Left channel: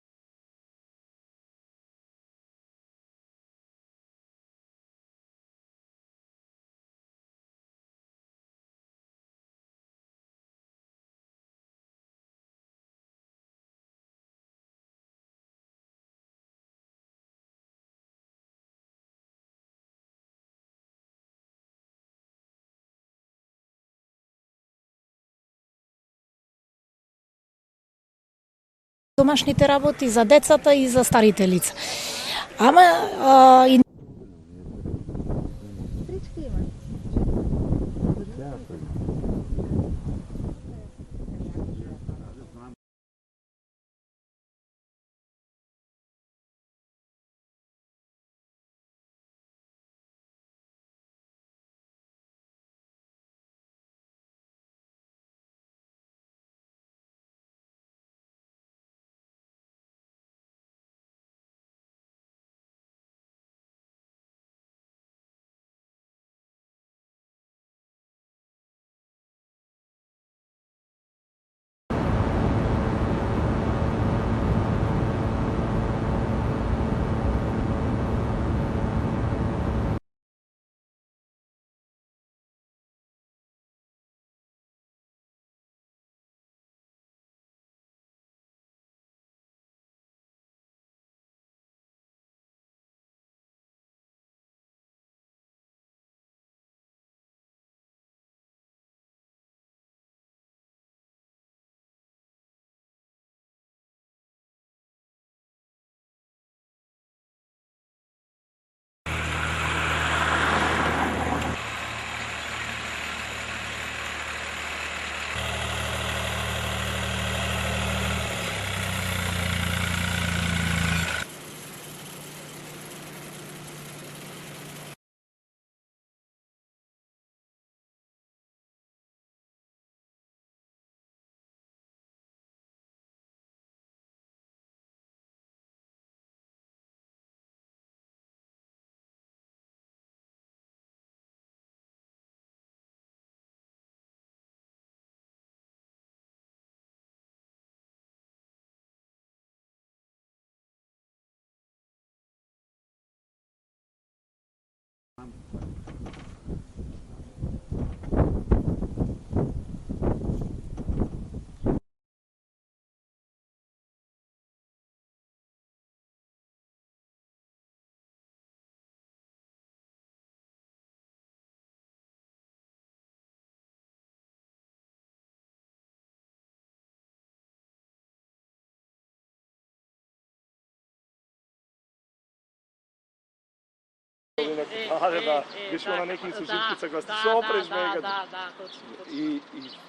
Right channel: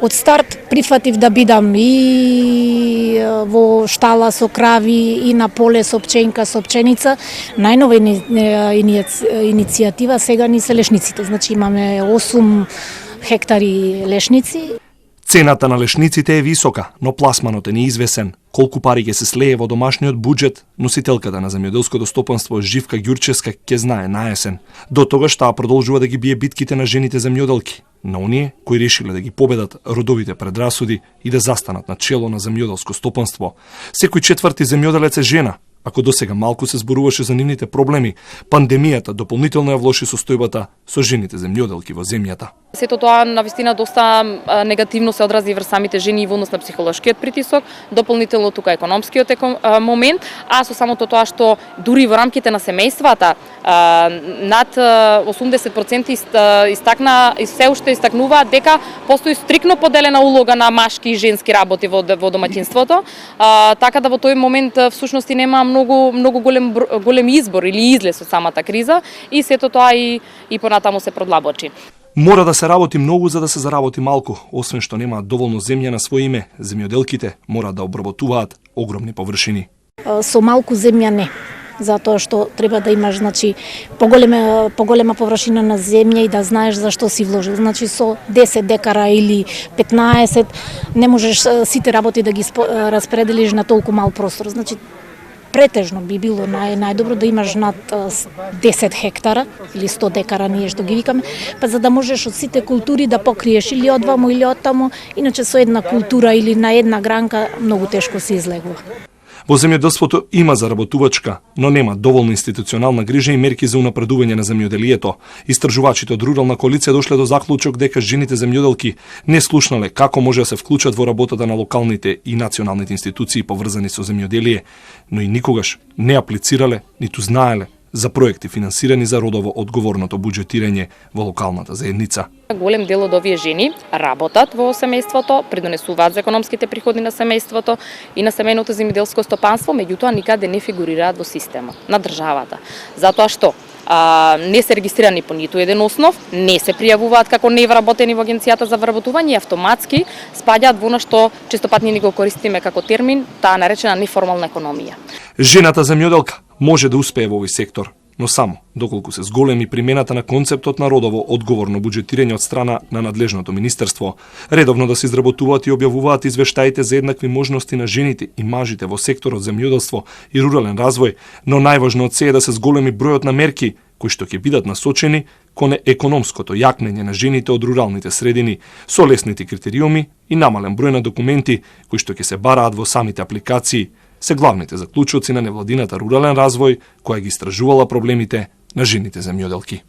Од старт прифатив да бидам и во штала со крави, и на поле со пченка, со пченица. Најнова иницијатива сега ни се лешниците. Значи имаме 8 хектари лешници. Цената на лешниците е висока, но пласманот е неизвесен. Колку пари ќе се слее во домашниот буџет, носителката на земјоделското стопанство Живка Ѓурчевска ќе знае наесен. До тогаш таа продолжува да ги бие битките на жените земјоделки, на оние кои решиле да ги победат родовите предрасуди и да застанат на чело на земјоделско стопанство. Секој четврти земјоделец е жена. Ако досега малку се зборуваше за нивните проблеми, пандемијата дополнително ја влоши состојбата со жените земјоделки во земјата. Сето тоа навистина доста негативно се одрази врз самите жени во однос на психолошкиот притисок, дополнително тука економскиот момент, а со самото тоа што дури во рамките на семејствата над 80% истакна и се уште истакнуваат дека постои стрикно поделена улога на машки и женски работи во домаќинството, така да во тој момент всушност нема многу голем избор или излез од самата криза и сето тоа и понатаму се продлабочи. Мора да се работи многу за да се заработи малку, освен што немаат доволно земја на своје име. Земјоделките мора да обработуваат огромни површини. Со малку земја не, затоа што треба да имаш поголема површина на земја и да знаеш за што си вложил. Значи со 10 декара или 15 не можеш сите работи да ги распределиш на толку мал простор. Значи претежно би било најдобро да имаш над 10 хектара или 100 декара, ние што ги викаме, па за да можеш од сите култури да покриеш или од ваму или од таму, иначе со една култура или на една гранка многу тешко се излегува. Во земјоделството има заработувачка, но нема доволно институционална грижа и мерки за унапредување на земјоделието. Истражувачите од Рурална коалиција дошле до заклучок дека жените земјоделки не слушнале како може да се вклучат во работата на локалните и националните институции поврзани со земјоделие, но и никогаш не аплицирале, ниту знаеле за проекти финансирани за родово одговорното буџетирање во локалната заедница. Голем дел од овие жени работат во семејството, придонесуваат за економските приходи на семејството и на семејното земјоделско стопанство, меѓутоа никаде не фигурираат во системот на државата. Затоа што не се регистрирани по ниту еден основ, не се пријавуваат како невработени во Агенцијата за вработување и автоматски спаѓаат во она што честопат ни го користиме како термин, таа наречена неформална економија. Жената земјоделка може да успее во овој сектор, но само доколку се зголеми примената на концептот на родово одговорно буџетирање од страна на надлежното министерство, редовно да се изработуваат и објавуваат извештаите за еднакви можности на жените и мажите во секторот земјоделство и рурален развој, но најважно од се е да се зголеми бројот на мерки кои што ќе бидат насочени кон економското јакнење на жените од руралните средини со лесните критериуми и намален број на документи кои што ќе се бараат во самите апликации, се главните заклучоци на невладината рурален развој која ги истражувала проблемите на жените земјоделки.